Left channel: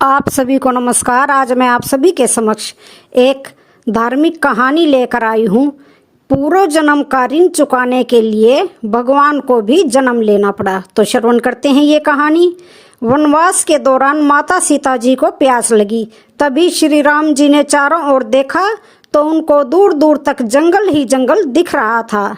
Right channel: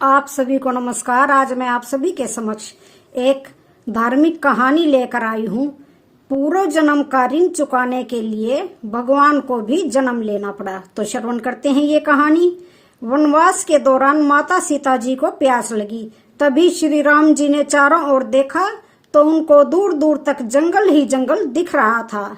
आप सभी को नमस्कार। आज मैं आप सभी के समक्ष एक धार्मिक कहानी लेकर आई हूँ। पूर्व जन्म का ऋण चुकाने के लिए भगवान को भी जन्म लेना पड़ा। तो श्रवण करते हैं ये कहानी। वनवास के दौरान माता सीता जी को प्यास लगी। तभी श्री राम जी ने चारों ओर देखा तो उनको दूर दूर तक जंगल ही जंगल दिख रहा था।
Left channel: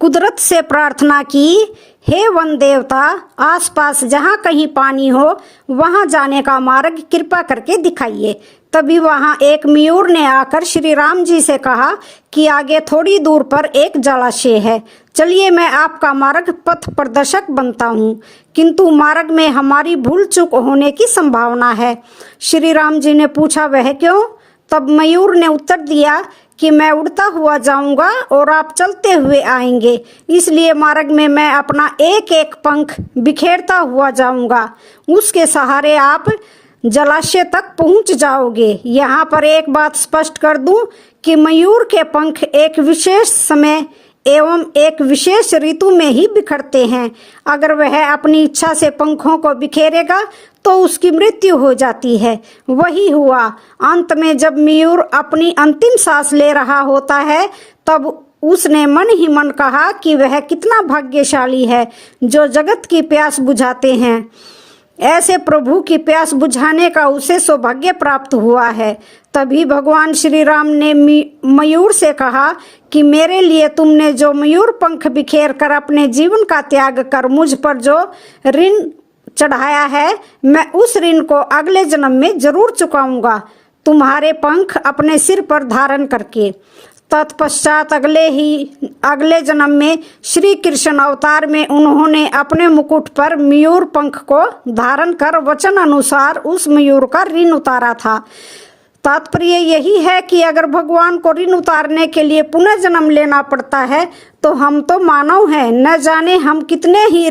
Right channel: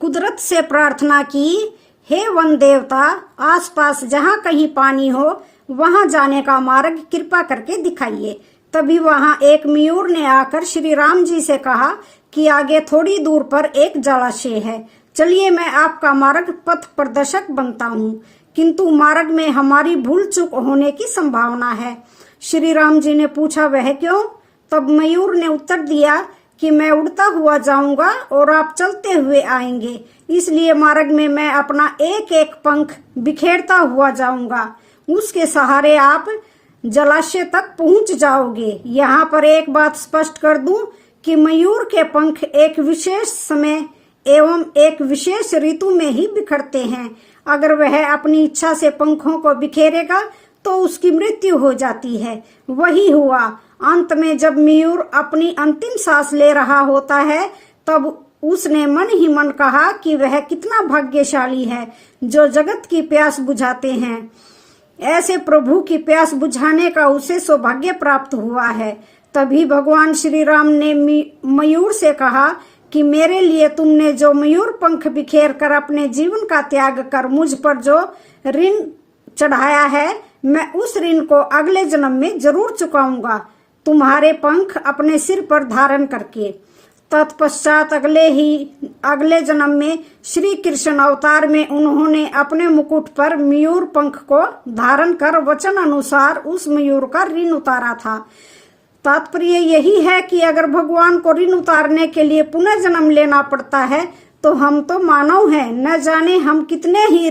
कुदरत से प्रार्थना की, हे वन देवता, आसपास जहाँ कहीं पानी हो वहां जाने का मार्ग कृपा करके दिखाइए। तभी वहां एक मयूर ने आकर श्री राम जी से कहा कि आगे थोड़ी दूर पर एक जलाशय है, चलिए मैं आपका मार्ग पथ प्रदर्शक बनता हूँ, किंतु मार्ग में हमारी भूल चूक होने की संभावना है। श्री राम जी ने पूछा, वह क्यों? तब मयूर ने उत्तर दिया कि मैं उड़ता हुआ जाऊंगा और आप चलते हुए आएंगे, इसलिए मार्ग में मैं अपना एक एक पंख बिखेरता हुआ जाऊंगा। उसके सहारे आप जलाशय तक पहुंच जाओगे। यहाँ पर एक बात स्पष्ट कर दूं कि मयूर के पंख एक विशेष समय एवं एक विशेष ऋतु में ही बिखरते हैं। अगर वह अपनी इच्छा से पंखों को बिखेरेगा तो उसकी मृत्यु हो जाती है। वही हुआ। अंत में जब मयूर अपनी अंतिम सांस ले रहा होता है तब उसने मन ही मन कहा कि वह कितना भाग्यशाली है जो जगत की प्यास बुझाते हैं। ऐसे प्रभु की प्यास बुझाने का उसे सौभाग्य प्राप्त हुआ है। तभी भगवान श्री राम ने मयूर से कहा कि मेरे लिए तुमने जो मयूर पंख बिखेर कर अपने जीवन का त्याग कर मुझ पर जो ऋण चढ़ाया है, मैं उस ऋण को अगले जन्म में जरूर चुकाऊंगा, तुम्हारे पंख अपने सिर पर धारण करके। तत्पश्चात अगले जन्म में श्री कृष्ण अवतार में उन्होंने अपने मुकुट पर मयूर पंख को धारण कर वचन अनुसार उस मयूर का ऋण उतारा था। तात्पर्य यही है कि अगर भगवान को ऋण उतारने के लिए पुनः जन्म लेना पड़ता है तो हम तो मानव हैं, न जाने हम कितने ही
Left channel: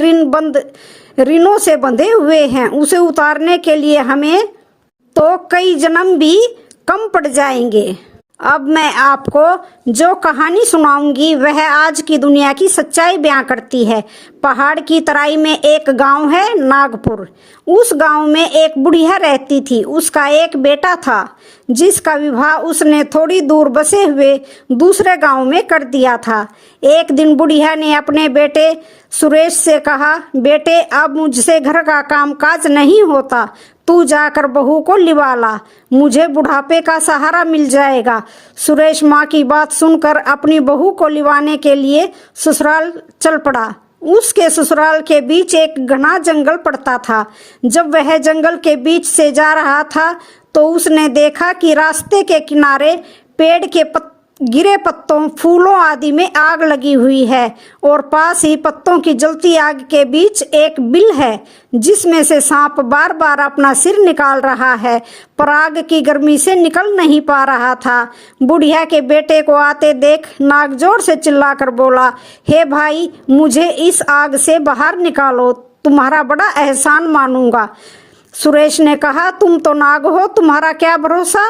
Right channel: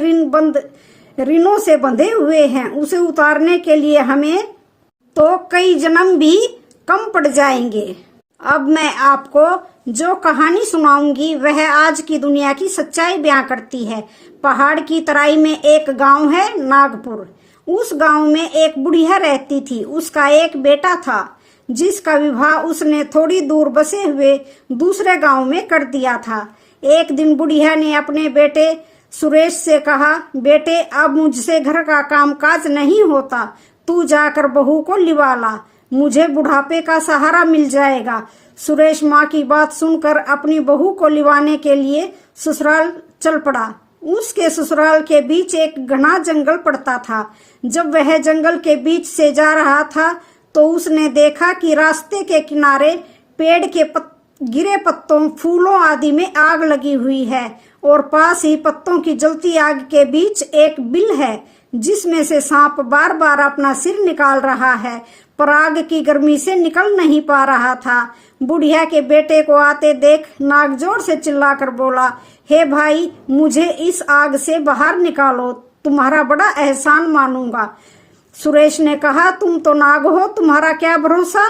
ऋणों से बंधे हुए हैं। उसे उतारने के लिए हमें तो कई जन्म भी कम पड़ जाएंगे। अब मैं आपको जो कहानी सुनाऊंगी वह आज की दुनिया की सच्चाई बयां करती है। पहाड़ की तराई में एक गांव है, नागपुर। उस गांव में एक बुढ़िया रहती थी। उसका एक बेटा था जिसका विवाह उसने थोड़ी दूर बसे हुए दूसरे गांव में कर दिया था। एक दिन बुढ़िया ने अपने बेटे सुरेश से कहा, बेटे अब मुझसे घर का काम काज नहीं होता, तू जाकर बहू को लिवा ला, मुझे बुढ़ापे का सहारा मिल जाएगा। सुरेश माँ की बात सुनकर अपनी बहू को लिवाने के लिए ससुराल चल पड़ा। उसके ससुराल के बीच एक घना जंगल पड़ता था। जब वह जंगल के बीच से जा रहा था तो उसने देखा कि रास्ते के किनारे पेड़ के गिरे पत्तों, फूलों आदि में आग लगी हुई है और पास ही पत्तों की जलती आग के बीच एक बिल है जिसमें से सांप बार बार अपना सिर निकाल रहा है, पर आग की गर्मी से निकल नहीं पा रहा था। बुढ़िया के बेटे को आते देख नाग जोर से चिल्लाकर बोला, हे भाई, मुझे इस आग से बाहर निकालो, तुम्हारा बड़ा एहसान मानूंगा। सुरेश ने कहा, तुम तो नाग हो, तुम्हारा क्या भरोसा,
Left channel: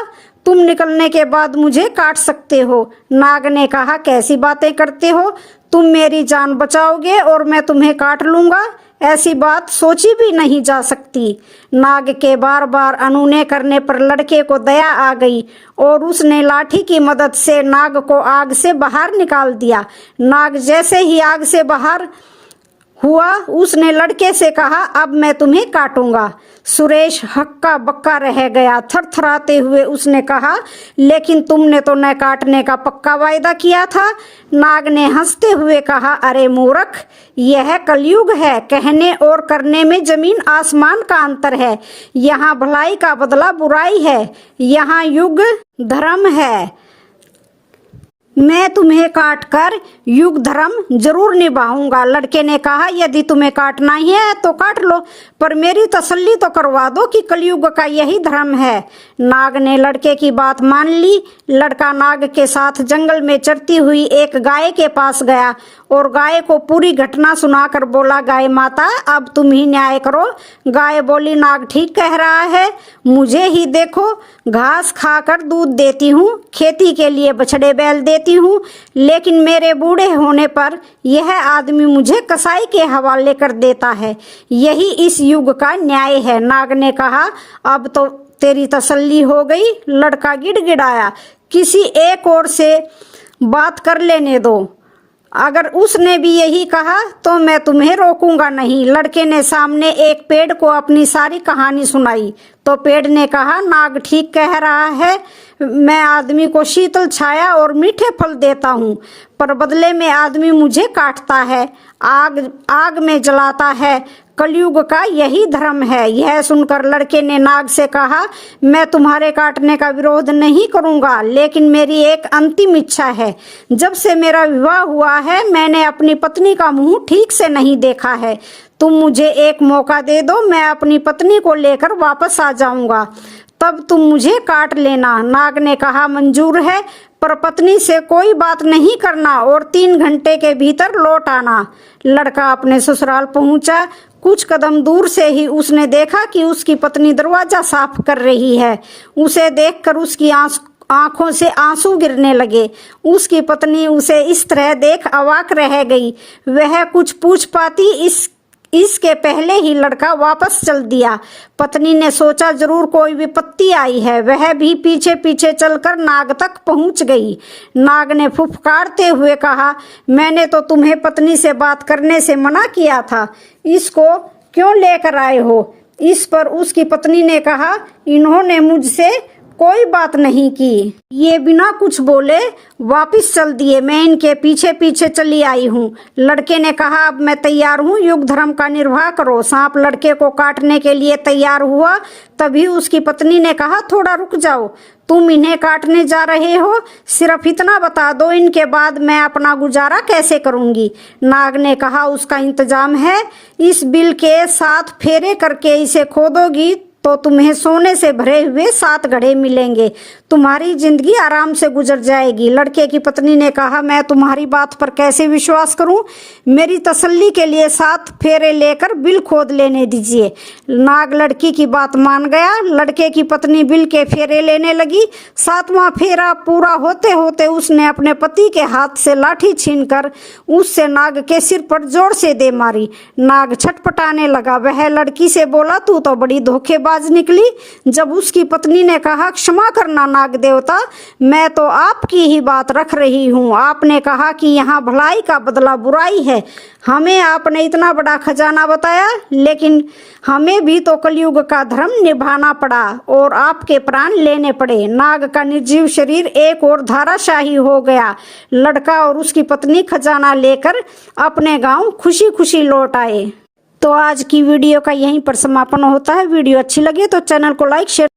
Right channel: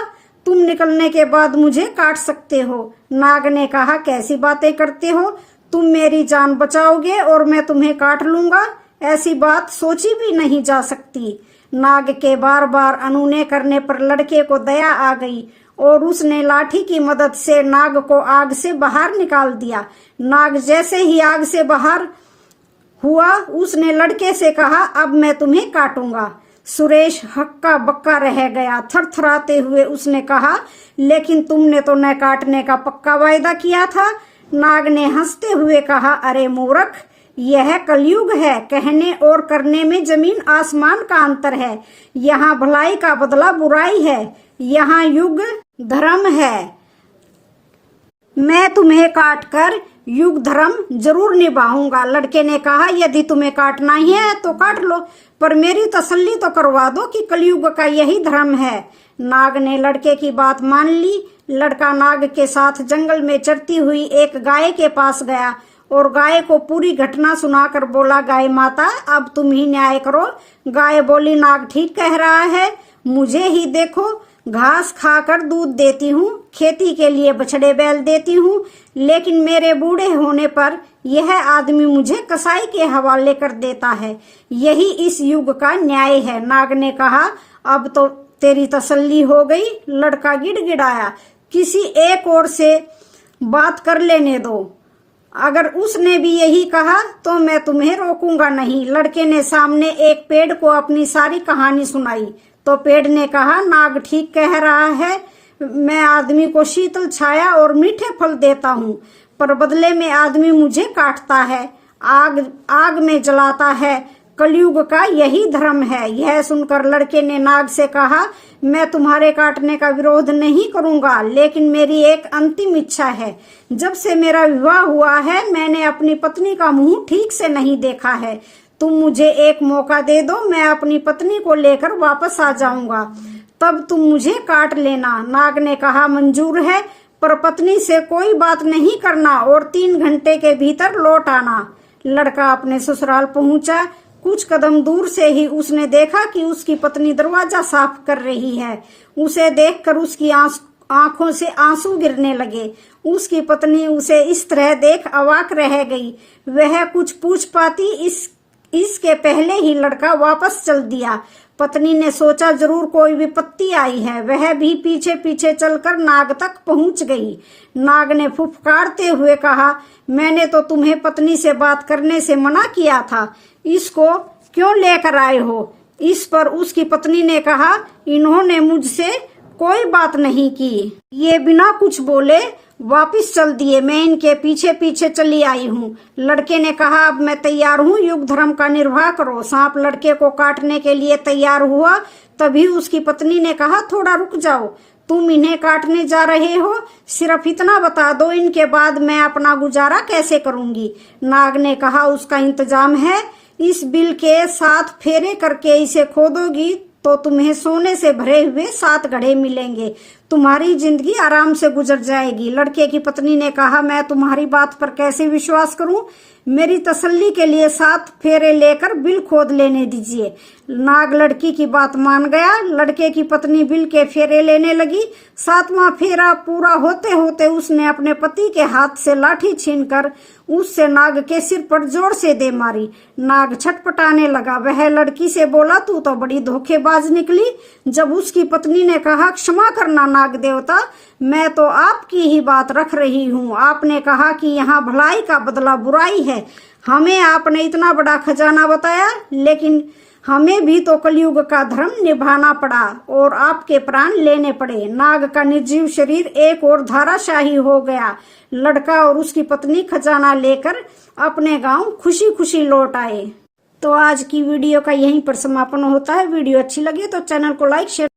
तुम निकलने के बाद मुझे काट सकते हो। नाग ने कहा, कैसी बातें करते हो, तुम मेरी जान बचाओगे और मैं तुम्हें काट लूंगा, ऐसी बात सोची भी नहीं जा सकती। नाग के बार बार अनुनय करने पर लड़के को दया आ गई और उसने लाठी की मदद से नाग को आग से बाहर निकाल दिया। नाग जैसे ही आग से बाहर हुआ उसने लड़के से कहा, अब मैं तुम्हें काटूंगा। सुरेश हक्का बक्का रह गया। थरथराते हुए उसने कहा, लेकिन तुमने तो न काटने का पक्का वायदा किया था। नाग ने हंसते हुए कहा, अरे मूर्ख, यह कलयुग है, कहने और करने में जमीन आसमान का अंतर है। यहाँ भलाई का बदला बुराई है, यहाँ युग धर्म है। मैं तुम्हें काटकर युग धर्म जरूर निभाऊंगा। लड़के ने कहा, यदि तुम्हें काटना ही है तो काट लो, पर मेरी तसल्ली तो करवा दो कि कलयुग का यही धर्म है। नाग ने लड़के की बात मान ली। लड़का नाग के साथ जंगल में चरती हुई एक गाय के पास गया और गाय को पूरी घटना सुनाकर बोला, गाय माता, अब तुम ही न्याय करो। गाय बोली, नाग ठीक कह रहा है, मुझे ही देखो, घास खाकर दूध देती हूँ, खेती के लिए बछड़े बैल देती हूँ, लेकिन मेरे बूढ़े बूढ़े होने पर यह आदमी मुझे कसाई के हवाले कर देता है। यही इस युग का न्याय है। नाग ने कहा, अब तो तेरी तसल्ली हो गई। लड़का गिड़गिड़ाया, किसी एक और से बात कर लेने दो। अगर उसने भी यही कहा तो मैं तुम्हें रोकूंगा नहीं। लड़के ने सामने एक पेड़ को अपनी सारी कहानी सुनाई तो पेड़ ने कहा, नाग ठीक कह रहा है। मैं आदमी को शीतल छाया और मीठे फल देता हूँ, पर बदले में आदमी मुझे काटता है, आग में जलाता है। कलयुग का यही धर्म है। यह सुनकर लड़के ने नाग से कहा, मैं तुम्हारे काटने का विरोध नहीं करूंगा, लेकिन मेरी एक अंतिम इच्छा है। जब से मेरा विवाह हुआ है मैंने अपनी पत्नी का मुंह ठीक से नहीं देखा है। तुम मुझे एक मौका दे दो, मैं अपनी पत्नी को लेकर वापस आ जाऊंगा, तब तुम मुझे काट लेना। नाग ने कहा, मंजूर है, पर पत्नी से कोई बात नहीं करना और 3 घंटे के भीतर लौट आना। लड़का अपने ससुराल पहुंचा। कुछ कदम दूर से ही उसने देखा कि उसकी पत्नी दरवाजा साफ कर रही है। उसे देखकर उसकी आंखों से आंसू गिरने लगे। उसकी पत्नी उसे इस तरह देख अवाक रह गई। वह कुछ पूछ पाती इसके पहले ही लड़का वापस चल दिया। पत्नी ने सोचा जरूर कोई विपत्ति आई है। वह भी पीछे पीछे चलकर नाग तक पहुंच गई। नाग ने फुफकारते हुए कहा, मैंने तो तुम्हें पत्नी से बात करने से मना किया था, इसको क्यों लेकर आए हो? इस पर उसकी पत्नी ने कहा, इन्होंने मुझसे कोई बात नहीं की। ये बिना कुछ बोले वापस चल दिए। मैं इनके पीछे पीछे चली आई हूँ। लड़के ने कहा, अब मैं तैयार हूँ, युग धर्म का निर्वाह करो। सांप लड़के को काटने के लिए तैयार हुआ। तभी उसकी पत्नी ने कहा, थोड़ा रुक जाओ, तुम इन्हें काटने जा रहे हो? सिर्फ इतना बता दो, इनके बाद मैं अपना गुजारा कैसे करूंगी? नाग ने कहा, उसका इंतजाम है। इस बिल के 7 फेरे करके इसे खोदोगी तो तुम्हें सोने से भरे हुए 7 घड़े मिलेंगे। तुम्हारी जिंदगी आराम से गुजर जाएगी। लड़के की पत्नी ने कहा, मैं तुम्हारी बात पर कैसे विश्वास करूं? मेरी तसल्ली के लिए 7 फेरे लेकर बिल खोद लेने दीजिए। नाग लड़की की बात मान गया। लड़के की पत्नी बिल के फेरे लेने लगी। 7वां फेरा पूरा होते होते उसने अपने पति के हाथ से लाठी छीनकर उससे नाग के सिर पर जोर से दे मारी। नाग छटपटाने लगा। वह लड़की से बोला, तू तो बड़ी धोखेबाज निकली। जब उसकी पत्नी ने कहा, क्षमा करना नाग देवता, मैं तो आपकी ही बात रख रही हूँ। आपने कहा कि यहाँ भलाई का बदला बुराई है। हमें आपने इतना बड़ा खजाना बताया, लेकिन हमें भी तो कलयुग का धर्म निभाना पड़ा और आपके प्राण लेने पड़े। नाग का निर्जीव शरीर एक और धाराशाही हो गया। लड़का और उसकी पत्नी खजाना लेकर अपने गांव खुशी खुशी लौट आए। तो आज की वीडियो का यहीं पर समापन होता है। वीडियो अच्छी लगे तो चैनल को लाइक शेयर